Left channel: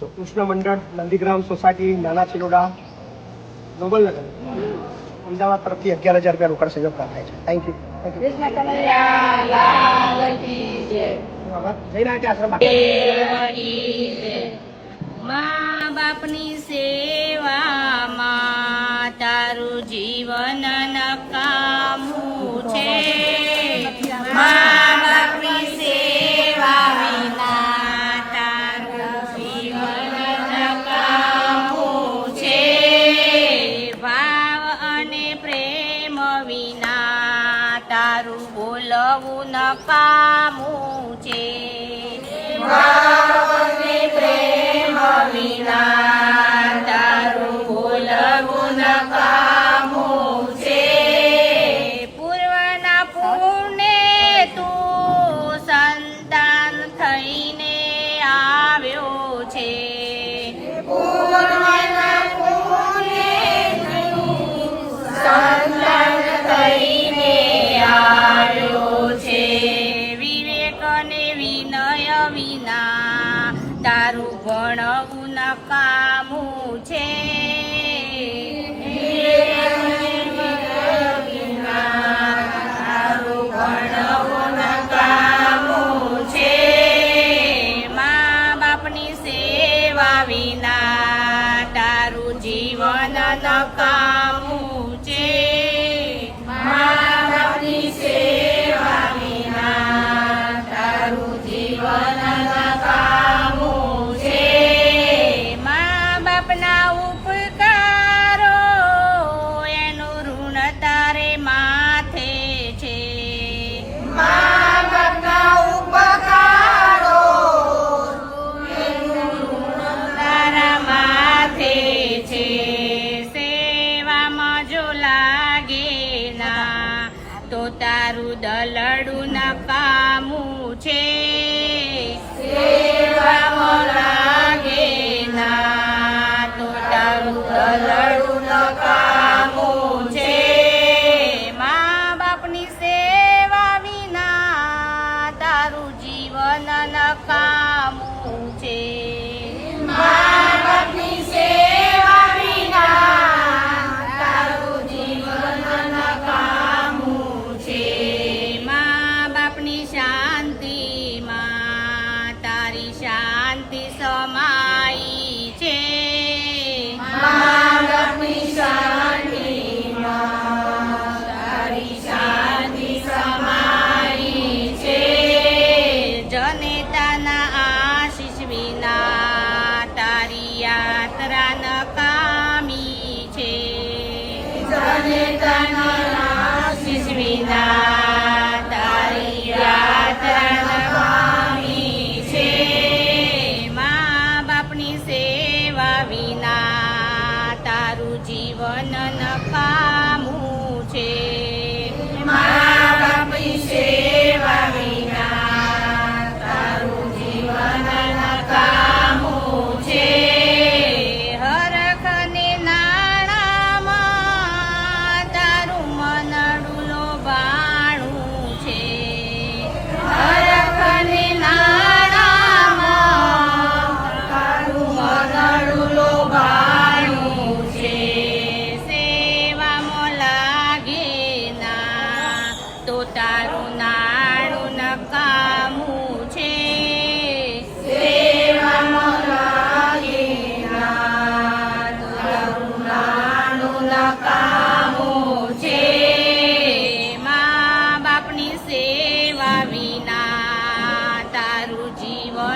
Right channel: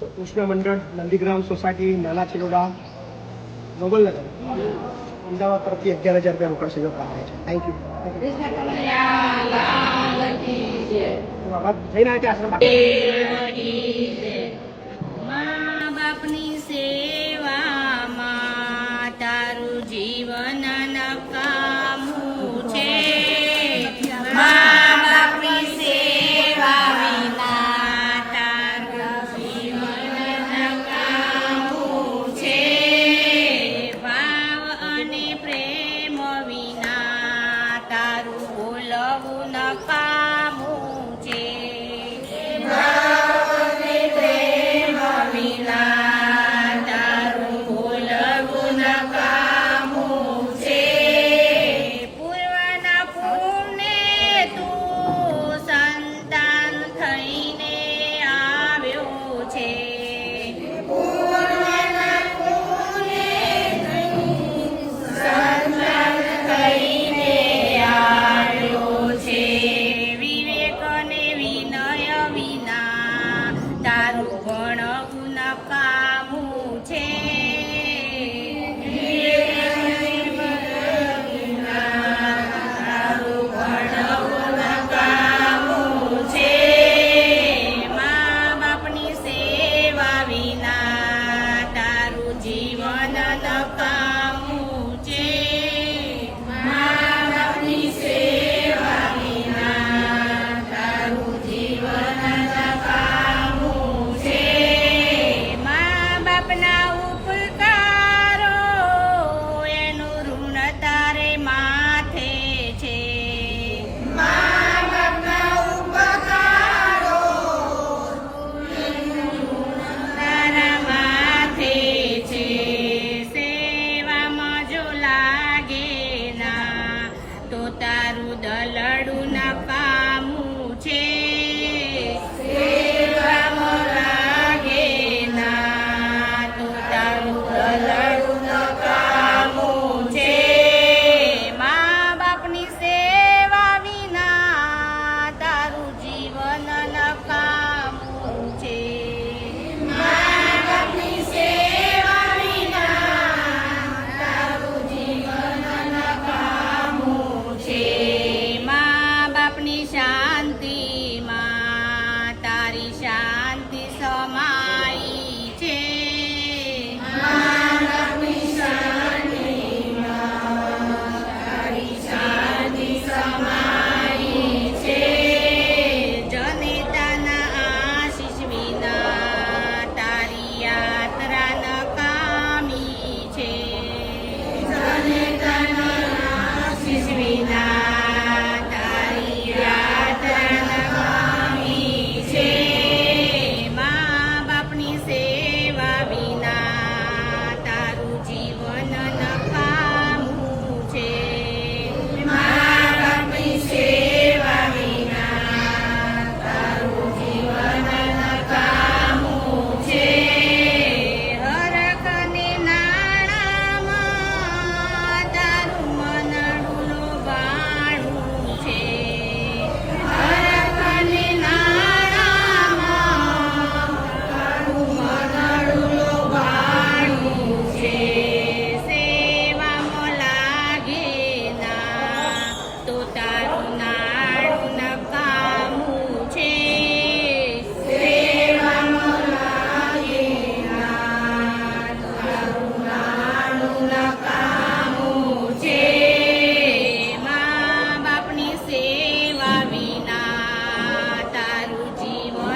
કૃષ્ણ મંડળ, નંદીગ્રામ સોસાયટી, નાના ચિલોડા, નોબલનગર, અમદાવાદ તરફથી 11,000 રૂપિયા રોકડ સહયોગ પ્રાપ્ત થાય છે. Thank you. મા બાપની સેવામાં તારું જીવન નકામું છે. મા બાપની સેવા વિના તારું જીવન નકામું છે. ભાવ અને પ્રેમ વિના તારું બોલવું નકામું છે. વિના તારું બોલવું નકામું છે. પૂર્વના પુણ્ય તું સંતાન થઈને આવ્યો છે. પૂર્વના પુણ્ય તું સંતાન થઈને આવ્યો છે. વિવેક અને વિનય વિના તારું ભણવું નકામું છે. તારું ભણવું નકામું છે. મા બાપની સેવા વિના તારું જીવન નકામું છે. મા બાપની સેવા વિના તારું જીવન નકામું છે. મા બાપના ઉપકારો એનું ઋણ તારે માથે છે. મા બાપના ઉપકારો એનું ઋણ તારા માથે છે. સેવામાં જો લાગે ના તો તારું દલડું નકામું છે. સેવામાં લાગે ના તો તારું દલડું નકામું છે. મા બાપની સેવા વિના તારું જીવન નકામું છે. મા બાપની સેવા વિના તારું જીવન નકામું છે. મા બાપની શાંતિમાં તારી શાંતિ સમાઈ છે. મા બાપની શાંતિમાં તારી શાંતિ સમાઈ છે. જનેતાના આશીષ વિના તારી યાત્રા નકામી છે. જનેતાના આશીષ વિના તારી યાત્રા નકામી છે. મા બાપની સેવા વિના તારું જીવન નકામું છે. મા બાપની સેવા વિના તારું જીવન નકામું છે. હરખ ને નાણામાં તારું મનડું લોભાણું છે. હરખ ને નાણામાં તારું મનડું લોભાણું છે. સેવામાં લાગે ના તો તારું નાણું નકામું છે. સેવામાં લાગે ના તો તારું નાણું નકામું